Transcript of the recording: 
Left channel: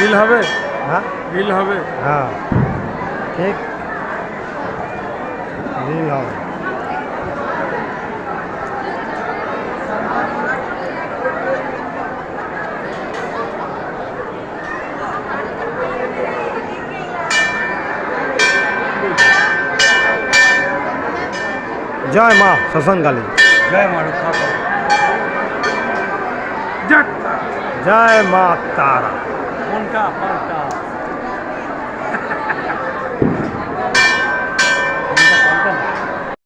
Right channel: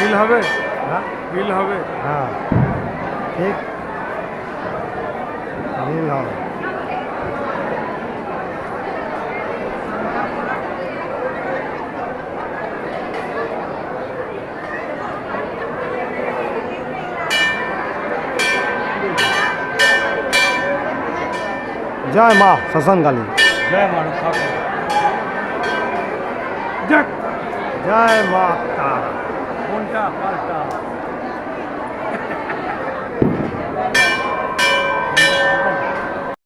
বিল হবে? হ্যাঁ বিল হবে? হ্যাঁ ঠিক বিল হবে। জয় মা শ্মশানকালী। জয় মা রক্ষা করো। জয় তারা। জয় মা তারা। কোনটা পাল্টা